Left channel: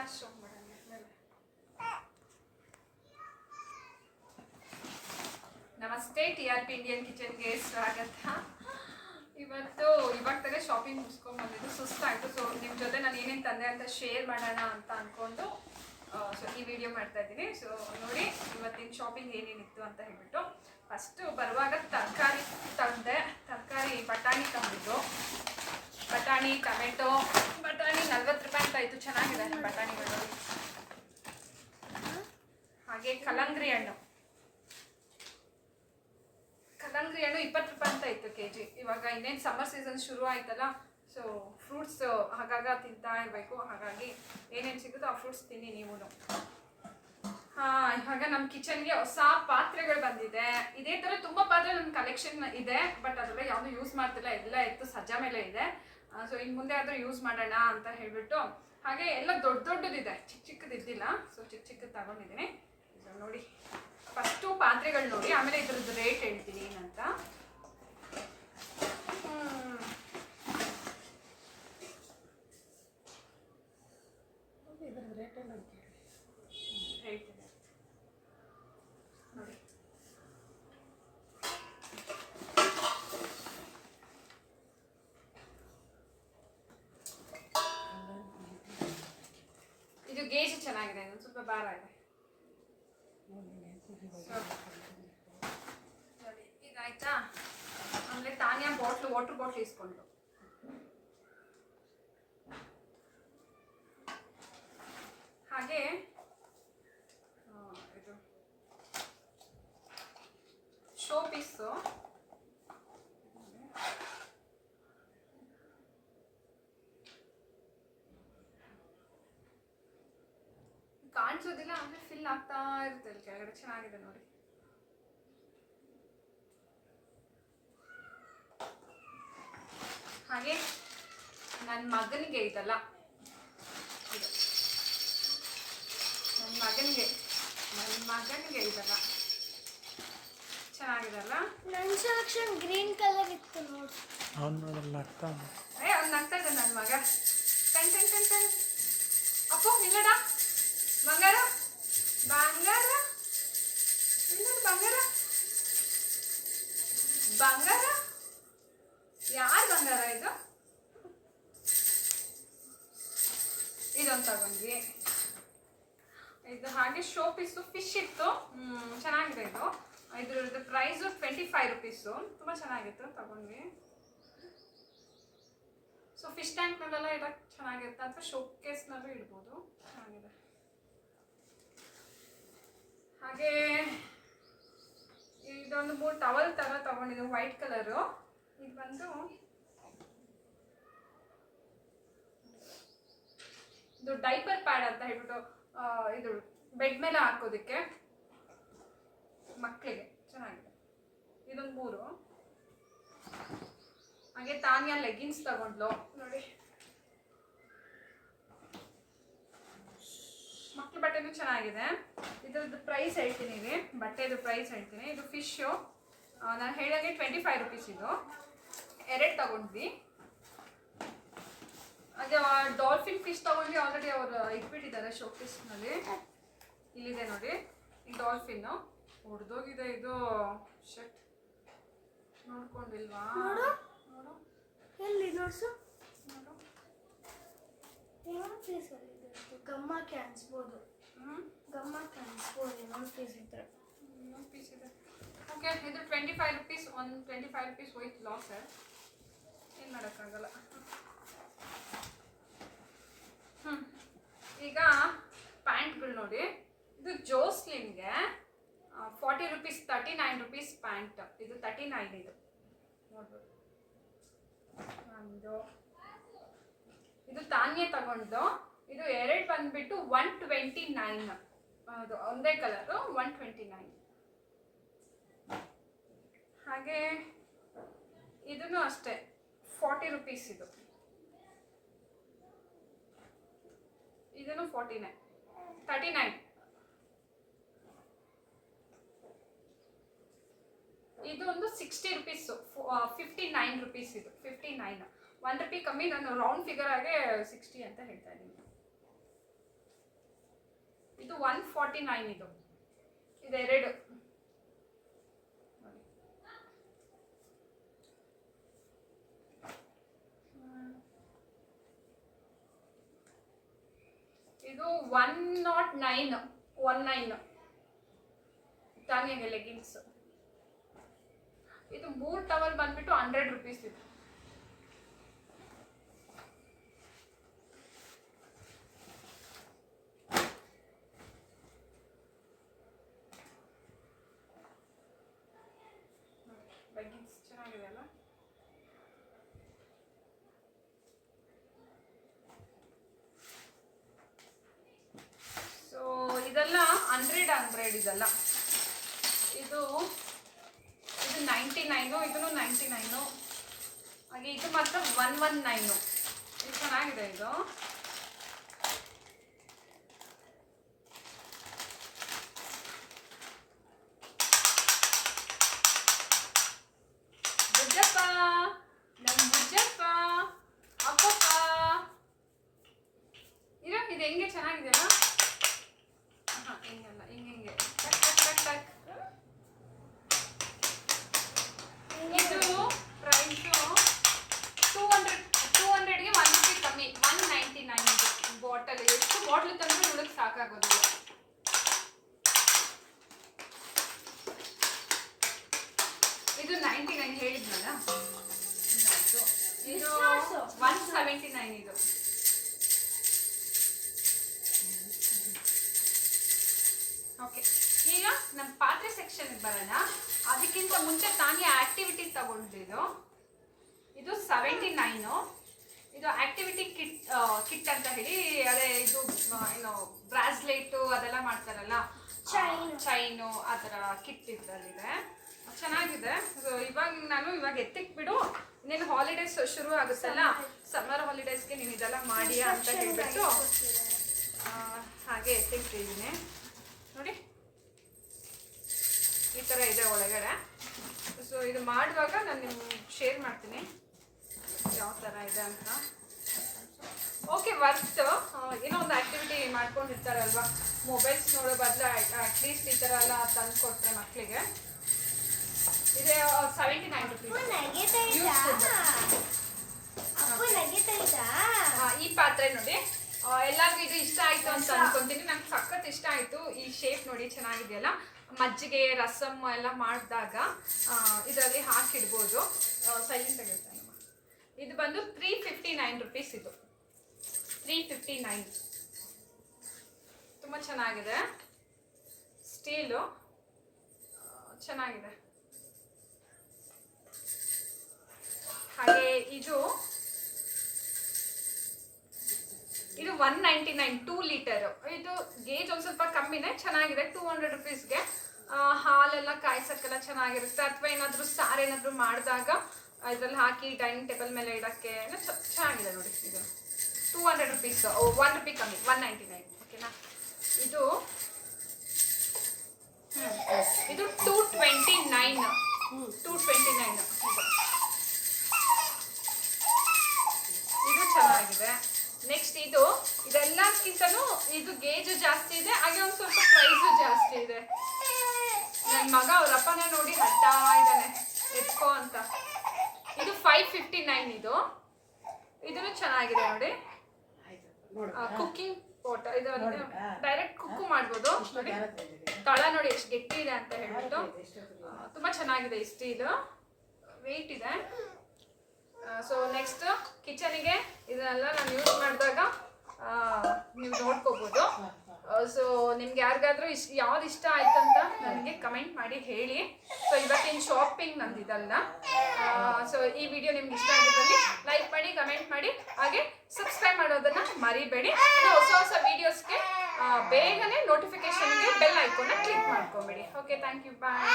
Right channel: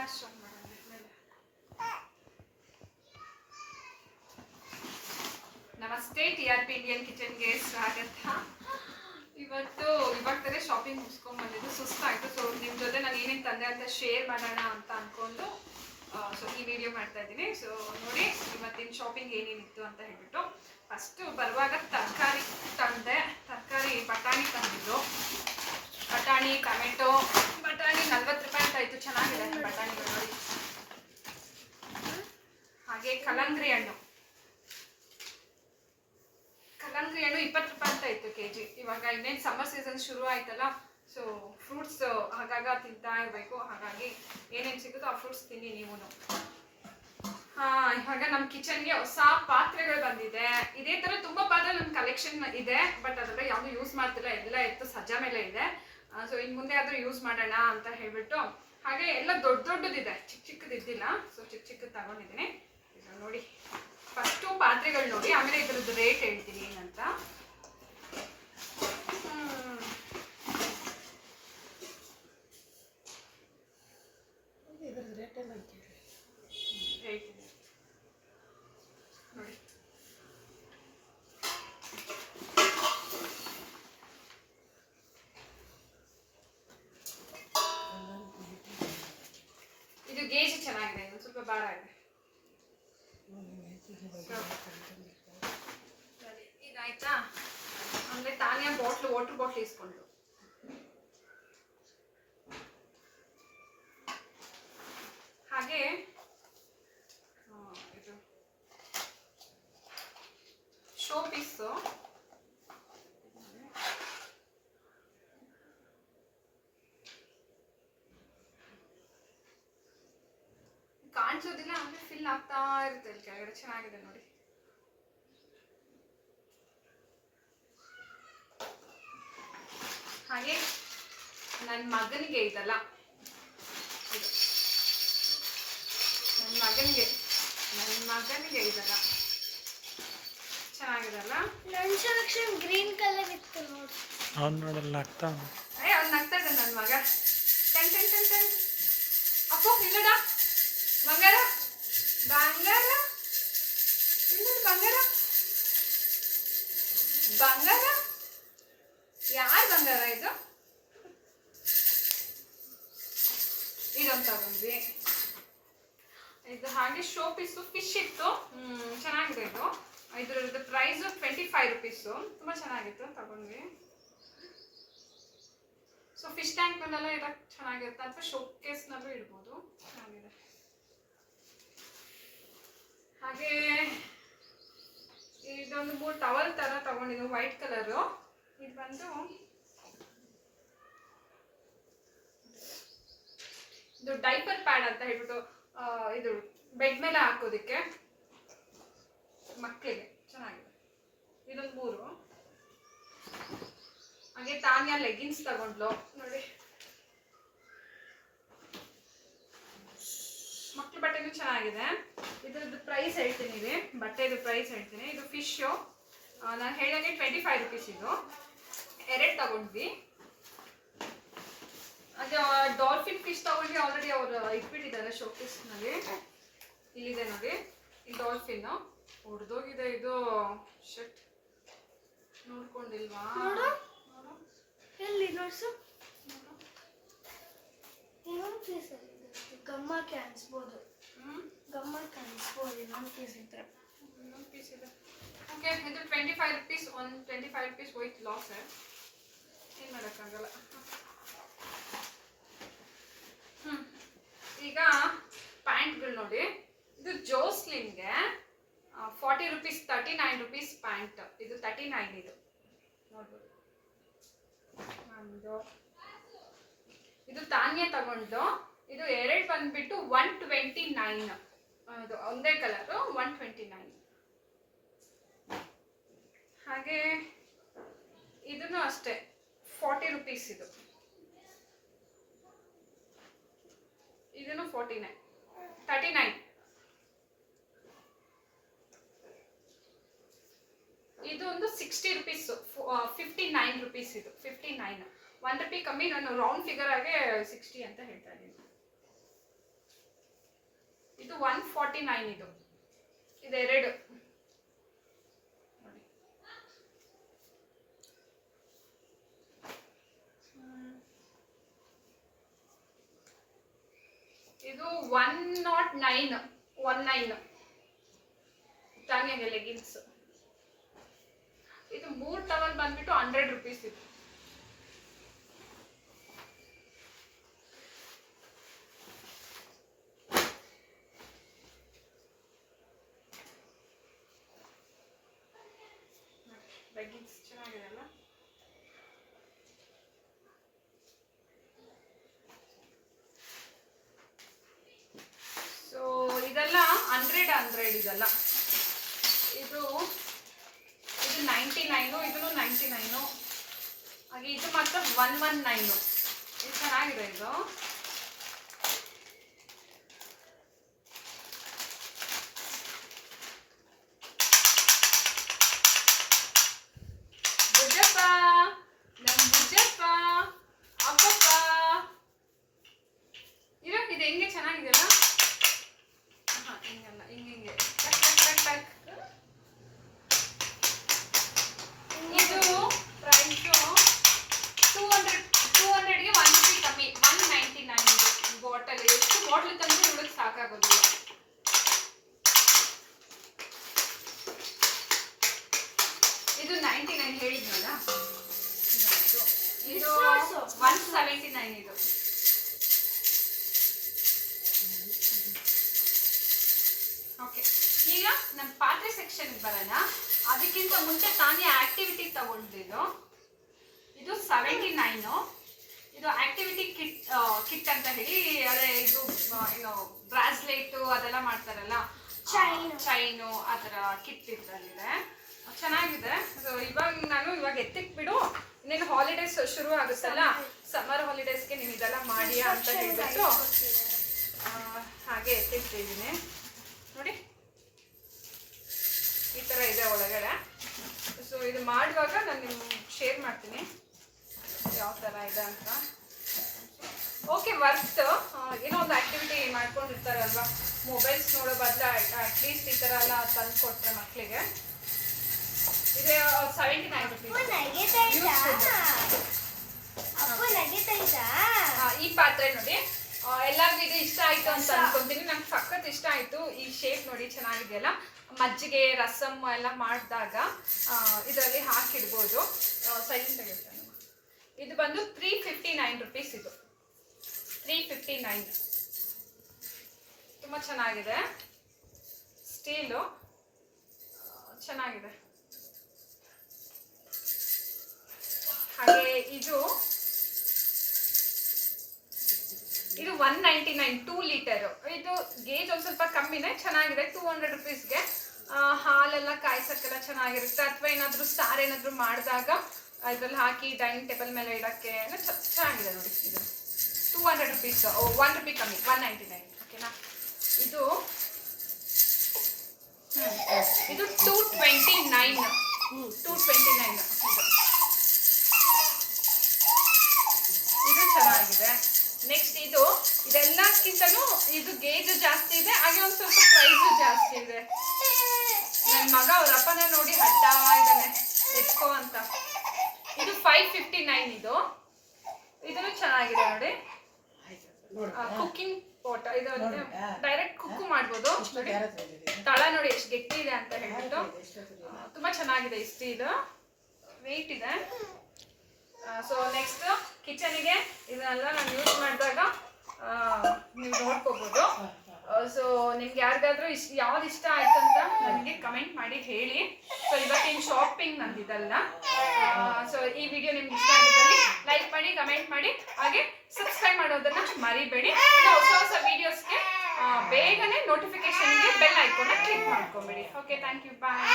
Glass show ಮಾಡೋಣ ಮೇಲೆ. ನಮಸ್ತೆ, TRP ಇಂಡಿಯನ್ ಕಿಚನ್ಗೆ ಸ್ವಾಗತ. ಇವತ್ತು ಇವಾಗ ತಾನೇ ಶಾಪಿಂಗ್ ಮುಗಿಸ್ಕೊಂಡು ಬಂದಿದ್ದು, ಸುಸ್ತಾಯಿತು. ಸೊ ನಿಮ್ಮ ಜೊತೆ ನಾನು ಏನೇನು ತಂದೆ ಅಂತ ಶೇರ್ ಮಾಡೋಣ ಅಂತ ಅಂದ್ಕೊಂಡು ಸೊ ಈ ವಿಡಿಯೋ ಮಾಡ್ತಾ ಇದ್ದೀನಿ. ಸೊ ನೋಡಿ ಇವತ್ತಿನ ಶಾಪಿಂಗ್ ಏನೇನಿತ್ತು ಅಂತ ಹೇಳ್ಬಿಟ್ಟು, ಫಸ್ಟು ಬರುವಾಗ ತರಕಾರಿ ತಂದೆ. ತರಕಾರಿ ಬಟಾಣಿ ತಂದಿದ್ದು. ಬಟಾಣಿ, ಟೊಮೆಟೊ. ಬಟಾಣಿ 40 ರೂಪಾಯಿ ಅಂತ ಇತ್ತು, ಚೆನ್ನಾಗಿದೆ ಬಟಾಣಿಗಳು ನೋಡಿ. ಹಾಗೆ ಕಲ್ಲಂಗಡಿ ಹಣ್ಣು 20 ರೂಪಾಯಿ ಅಂತ ಇತ್ತು kg. ಇವಾಗ ಇನ್ನೇನು ಸಮ್ಮರ್ ಸೀಸನ್ ಶುರು ಆಯ್ತಲ್ಲ, ಸೊ ಫ್ರೂಟ್ಸ್ ಆಗಾಗ ತಿಂತಾ ಇರಬೇಕು. ಹಾಗಾಗಿ ಏನೇನು ಸಿಗುತ್ತೋ ಆ ಫ್ರೂಟ್ಸ್ ತಿನ್ನಿ ನೀವು. ಇವಾಗ ನಮ್ಮ ಕಿಚನ್ಗೆ ಹೊಸ ಪಾತ್ರೆಗಳು ಬಂದಿದೆ. ಇದೇ ಥರ ತುಂಬ ಪಾತ್ರೆ ನನ್ನ ಕಲೆಕ್ಷನ್ ಇದೆ, ಬಟ್ ಅದೆಲ್ಲ ಯಾವುದು ಯೂಸ್ ಮಾಡ್ತಿಲ್ಲ, ಎಲ್ಲ ಎತ್ತು ಸಜ್ಜಾ ಮೇಲೆ ಇದೆ. ಸೊ ಇನ್ನು ಮುಂದೆ ಆದರೂ ಯೂಸ್ ಮಾಡೋಣ ಅಂತ ಹೇಳ್ಬಿಟ್ಟು. ಹಾಗೆ ಎಲ್ಲ ದೊಡ್ಡದಿದೆ, ಚಿಕ್ಕದಿದ್ದಿಲ್ಲ. ಸೊ ಚಿಕ್ಕದು ತಗೊಂಡಿದ್ದೀನಿ. ಇದು ನೋಡಿ, ಫಸ್ಟು ಪಾತ್ರೆಗಳು ನೋಡಿ, ಆಮೇಲೆ ಇದ್ರದ್ದು ರೇಟ್ ಹೇಳ್ತೀನಿ ಏನಂತ. ರೇಟ್ ಇದೆ ನೋಡಿ. ಇದು ಗೇಜ್ ಚೆನ್ನಾಗಿದೆ, ಇದು ಸ್ವಲ್ಪ ಭಾರ ಇದೆ. ಇದಾಯ್ತಾ? ಆಮೇಲೆ ತಾನಿಯಾ ವಾಟರ್ ಬಾಟ್ಲ್ ಇಸ್ಕೊಂಡು. ಹಾಗೆ ಇದು ಶೋ ಪೀಸು. ಕಾಣಿಸೋದಿಲ್ಲ, ಅಂದರೆ ಫಿಲ್ ಆಗ್ತಾ ಇರುತ್ತೆ ಇಲ್ಲಿ ಕೆಳಗಡೆ. ಚೆನ್ನಾಗಿದೆ ನೋಡಿ. ಹಾಗೆ ನನ್ನ ಮಗನಿಗೆ ಇದಲ್ಲ, ಇದು ನನ್ನ ಮಗನಿಗೆ ಇದಲ್ಲ. ಚೆನ್ನಾಗಿದಲ್ಲ? ನನ್ನ ಸೆಲೆಕ್ಷನ್ ಗ್ರೀನ್ ಕಲರ್ ಇತ್ತು ನೋಡಿ. ಅವ್ನು ನಗ್ತಾ ಇದ್ದಾನೆ ನನ್ನ ಮಗ. ಟೆನ್ ಅಪ್ಪು ಇಲ್ಲಡ ಬಂಗಾರ ಇಲ್ಲದ ಬಂಗಾರ. ಯಾರು ಬಂಗಾರ ಇದು? ಇದೊಂದು ತಗೊಂಡ್ವಿ. ಇದು ಹಾಗೆ ಶೋ ಪೀಸು ಫಿಶ್ ಇತ್ತು, ಚೆನ್ನಾಗಿದೆ ಇದು. ಇದ್ರದ್ದು ಪ್ರೈಸು 25 ರೂಪೀಸು. ತುಂಬ ಚೆನ್ನಾಗಿತ್ತು, ತಗೊಂಡ್ವಿ. ಸೊ ಫಿಶ್ ಟ್ಯಾಂಕ್ ಮೇಲೆಲ್ಲ ಇಡಕ್ಕೆ ಚೆನ್ನಾಗಿರುತ್ತೆ, ಅಥವಾ ಶೋ ಕೇಸ್ನಲ್ಲೂ ಇಡ್ಬೋದು. ಚೆನ್ನಾಗಿದೆ. ಹಾಗೆ ಇದೊಂದು 3 ಟವಲ್ ಥರ ತಗೊಂಡಿದ್ದು, ವೈಟ್ ಕಲರು. ಇದು ಬಂದು ಇದು ಡೈಪರ್ ಪ್ಯಾಡ್ ಅಂತ ಹೇಳ್ಬಿಟ್ಟು, ಇದು ಬೆಡ್ ಮೇಲೆ ಹಾಕೋದಕ್ಕೆ ಮಕ್ಕಳಿಗೆ. ಚೆನ್ನಾಗಿದೆ. ಇದೊಂದು 3. ಹಾಗೆ ತಾನಿಯಾ ಲೆಗಿನ್ಸ್ ತಗೊಂಡ್ಲು ನೋಡಿ. ಮಕ್ಳ ಬಟ್ಟೆನೂ ಚೆನ್ನಾಗಿದೆ. ಇದ್ರದ್ದು ಪ್ರೈಸ್ ಹೇಳ್ತೀನಿ, ಇದೆ ಬಟ್ಟೆದು ಪ್ರೈಸ್ ಹೇಳ್ತೀನಿ. ಇದು ಫಿಶು ನಾನು ಹೇಳಿದಾಗೆ 25 ರೂಪೀಸ್. ಇದು 2 ತಗೊಂಡ್ವಿ. ಅದೇ ಡಾಲ್ಫಿನ್ ಫಿಶ್ ತಗೊಂಡ್ವಿ, ಆಲ್ರೆಡಿ ಅವರು ಇಟ್ಬಿಟ್ಟಿದ್ದಾರೆ ಶೋಕೇಸ್ನಲ್ಲಿ. ಇಲ್ಲಿದೆ ನೋಡಿ ಈ ಡಾಲ್ಫಿನ್ನು. ಹೊಡೆದೋಗಿದೆ ಇದು. ಶಟ್, ನೋಡ್ಕೊಂಡಿಲ್ವಾ? ನೋಡು ಎಲ್ಲಿ ನೋಡ್ಸು. ಇನ್ನೊಂದು ಪೀಸ್ ಅಲ್ಲಿ ಗಮ್ಮಕ್ಕೆ ಅನ್ಸ್ಬೋದು. ಇನ್ನೊಂದು ಪೀಸ್ ಇದ್ರೆ. ಇನ್ನೊಂದು ಪೀಸ್ ಇದೆ. ಓಕೆ, ಇದು 25 ರೂಪೀಸ್. ಒಂದು 25 ರೂಪೀಸ್ ಹೋಯ್ತು ಲಾಸ್. ಏನು ಮಾಡೋಕ್ಕಾಗಲ್ಲ. ಈಗ ಪ್ಯಾಂಟ್ಗಳು ನೋಡಿ. ಇದು ಜೋಸ್ಲಿನ್ಗೆ 40 ರೂಪೀಸ್, 39 ರೂಪೀಸ್ ಪ್ಯಾಂಟ್. ಇದು 39. ಇದು ನೋಡ್ಬೋದು. ಇದು ತಾನಿಯಾ ತಗೊಂಡು. ಇದು 2 ಬಂದ್ಬಿಟ್ಟು 129. ಅದು ಒಂದೇ ಕಲರು, 129. ಹಾಗೆ ಇದನ್ನು ಅಷ್ಟೇ 40 ರೂಪೀಸ್. ಇದನ್ನು 39. ಇದು ಒಂದು 60 ರೂಪೀಸು, 59 ರೂಪೀಸ್. ಇದು 59. 1 ರೂಪಾಯಿ ಕಮ್ಮಿ. ನಾನು ರೌಂಡ್ ಫಿಗರ್ ಆಗಿ 60 ಅಂತ ಹೇಳ್ತಾ ಇದ್ದೀನಿ. ಇದು 149 ಇದು ಇದೆರಡು ನೋಡಿ. ಇದು 109 ತಾನಿಯಾಗೆ ಲೆಗಿನ್ಸ್. ಇದು 3 ಟವಲ್ ಬಂದ್ಬಿಟ್ಟು 100 ರೂಪೀಸ್ ಇದು. ಲೆಗಿನ್ಸ್ ಚೆನ್ನಾಗಿದೆ ಅಲ್ಲ. ಸೊ ಇದೆಲ್ಲ 100 ಇದೆಲ್ಲ. ಇದು 99, ಇದೂ 99, ಹಾಗೆ ಇದು ಮಾತ್ರ 119. ಇದು ಚೆನ್ನಾಗಿದೆ ಇದು. ಬುಜ್ಜಪ್ಪ, ನಮ್ಮ ಬುಜ್ಜಪ್ಪ, ಅಪ್ಪಪ್ಪ, ಇದು ಹೆಂಗೆ ಚೆನ್ನಾಗಿದೆಯಲ್ಲ. ಹಿಂಗಲ್ಲ, ಹಿಂಗೆ ಟಕ್ ಟಕ್ ಟಕ್ ಟಕ್. ಇದು ಪ್ರೈಸು 200ಗೆ 1 ರೂಪಿ ಕಮ್ಮಿ, 199 ಬಾಟಲ್. ಎಷ್ಟು ಬಾಟ್ಲ್ ತಂದರೂ ಇವಳಿಗೆ ಸಾಕಾಗೋದಿಲ್ಲ. ಇದು 99 ಹೇಳಿದ್ನಲ್ಲ, ಇದು 179 ಇದು. ಓಕೆ, ಈಗ ನಮ್ಮ ಪಾತ್ರೆ ಸೆಕ್ಷನ್ಗೆ ಬರೋಣ. ಅದಕ್ಕಿಂತ ಮುಂಚೆ ತಾನೇ ಆಕ್ಟಿವಿಟಿ ತಗೊಂಡಿದ್ದು. ಇದು 79. ಇದು ಆಕ್ಟಿವಿಟಿ ಕಿಟ್ ಅಂತ ಹೇಳಿ, ಅದೇ ಇದು ಏನು ಬ್ರಾಸ್ಲೆಟು ಅದೆಲ್ಲ ಮಾಡ್ತಾರಲ್ಲ, ಚೈನು ಆ ಥರ ಕಿಟ್ ಇದರಲ್ಲಿದೆ. ಚೆನ್ನಾಗಿದೆ. ಸೊ ಇವಾಗ ಎತ್ತಿಕ್ಬಿಡು, ಇನ್ನೇನು ಹಾಲಿಡೇಸ್ ಶುರು ಆಗುತ್ತಲ್ಲ, ಸಮ್ಮರ್ ಹಾಲಿಡೇಸ್ಗೆ ನೀವು ಇದೆಲ್ಲ ಮಾಡಿ ಅಂತ ಹೇಳ್ಬಿಟ್ಟು ಹಾಗೆ ಎತ್ತಿಟ್ಟಿದ್ದೀನಿ ನೋಡಿ. ಈ ಥರ ಇದೆ ಒಳಗಡೆ. ಸೊ ಇದು ಮಾಡುವಾಗ ನಾನು ನಿಮ್ಗೆ ಶೇರ್ ಮಾಡ್ತೀನಿ ಯಾವ ಥರ ಇದೆ ಅಂತ. ಓಕೆ, ವರ್ತ್ ಏನೋ ಒಂದು ಆ್ಯಕ್ಟಿವಿಟಿ ಮಾಡ್ಕೊಂಡಿರ್ತಾರಲ್ವ, ಮೊಬೈಲ್ಸ್ ನೋಡೋ ಬದಲು ಅಟ್ಲೀಸ್ಟ್ ಈ ಥರ ಎಲ್ಲ ತಂದು ಕೊಟ್ಟರೆ ಮಕ್ಕಳಿಗೆ. ಇದೆ 79 ರೂಪೀಸ್. ಈ ಪಾತ್ರೆ ನೋಡಿ, ಎಲ್ಲರಿಗೂ ಇದು ಇಷ್ಟ ಆಯಿತು ಅಂತ ಅನ್ಕೊಂತೀನಿ. ನಂಗೆ ಸಖತ್ ಇಷ್ಟ ಆಯಿತು. ಈ ಶೇಪ್ ನೋಡಿ ಚೆನ್ನಾಗಿದೆಯಲ್ಲ. ಮಜ್ಜಿಗೆ ರಸಮ್ ಎಲ್ಲ ಮಾಡಿದಾಗ ಇದರಲ್ಲಿ ಹಾಕಿಡ್ಬೋದು. ಸೈಲೆಂಟ್ ಆಗಿರ್ತಾನೆ. ಇದು ಬಂದು 359 ರೂಪೀಸ್. ಇದು 359 ತುಂಬ ಚೆನ್ನಾಗಿದೆ. ಸ್ಟೀಲು ಚೆನ್ನಾಗಿದೆ. ಹಾಗೆ ಇದು 199 2 ಲೀಟರ್. ಇದು ಗೇಜ್ ಒಂದು ಸ್ವಲ್ಪ ಕಮ್ಮಿನೇ, ಚೆನ್ನಾಗಿದೆ. 200 ರೂಪೀಸ್ಗೆ ಹಾಲೆಲ್ಲ ಕಾಯ್ಸಕ್ಕೆಲ್ಲ ಚೆನ್ನಾಗಿರುತ್ತೆ. ಅಥವಾ ಏನಾದರೂ ಸಾರು ಏನಾದರೂ ಮಾಡಿದಾಗ ಇದರಲ್ಲಿ ಹಾಕಿ ಡೈನಿಂಗ್ ಟೇಬಲ್ ಮೇಲೆ ಇಡೋಕ್ಕೆ ಚೆನ್ನಾಗಿದೆ ನೋಡಿ. ಇದು 200 ರೂಪೀಸ್, 1 ರೂಪಿ ಕಮ್ಮಿ, 199. ಓಕೆನಾ. ಇದು 229 ಇದು ಚೆನ್ನಾಗಿದೆ. ನೆಕ್ಸ್ಟ್ ಇದೆಲ್ಲಕ್ಕಿಂತನೂ ಇದು ಗೇಜ್ ಜಾಸ್ತಿ ಇದೆ, ಹಾಗೆ ಒಂದು ಸ್ವಲ್ಪ ಪ್ರೈಸು ಜಾಸ್ತಿ ಇದೆ. ನನ್ನ ಮಗ ಅವ್ರ ಅಪ್ಪನ ನೋಡಿ ಹಡ್ತಾ ಇದ್ದಾನೆ ಎತ್ಕೋ ಅಂತ. ಇದು 559. ಇದನ್ನು ಚೆನ್ನಾಗಿದೆ ನೋಡಿ. Cooking pot. ಇದು ಡೈರೆಕ್ಟ್ ಕುಕ್ಕು ಮಾಡ್ಬೋದು ನೋಡಿ. ತಳ ನೋಡಿ ಎಷ್ಟು ಗಟ್ಟಿ ಇದೆ ಅಂತ ಹೇಳ್ಬಿಟ್ಟು ತುಂಬ ಚೆನ್ನಾಗಿದೆ. ಈ ಸ್ಟೀಲು ವೆಯ್ಟ್ ಇದೆ. ಸೊ ನೆಕ್ಸ್ಟ್ ಕಿಚನಿಗೆ ಇದನ್ನೆಲ್ಲ ನಾನು ಯೂಸ್ ಮಾಡಿದಾಗ ನೀವು ನೋಡ್ಕೋಬೋದು. ಸೊ ನಿಮ್ಗೆ ಯಾರಿಗಾದ್ರೂ ಯಾವ್ದು ಇಷ್ಟ ಆಯ್ತು ಅಂತ ನನಗೆ ಕಮೆಂಟ್ ಮಾಡಿ ಹೇಳಿ. ಸೊ ಇವತ್ತಿನ ಶಾಪಿಂಗ್ ನಂದಿದಲ್ಲ. ಸೊ ಈ ವಿಡಿಯೋ ನಿಮ್ಗೆ ಇಷ್ಟ ಆಗಿದ್ದಲ್ಲಿ ಲೈಕ್ ಮಾಡಿ, ಕಮೆಂಟ್ ಮಾಡಿ, ಹಾಗೆ ಸಬ್ಸ್ಕ್ರೈಬ್ ಮಾಡೋದನ್ನ ಮರಿಬೇಡಿ. ಹೊಸ ವಿಡಿಯೋಸ್ಗೆ ಬೇಗನೆ ನೋಟಿಫಿಕೇಶನ್ಗೆ ಬೆಲ್ ಐಕಾನ್ನ ಕ್ಲಿಕ್ ಮಾಡ್ಕೊಬೇಡಿ. Okay, thank you, bye.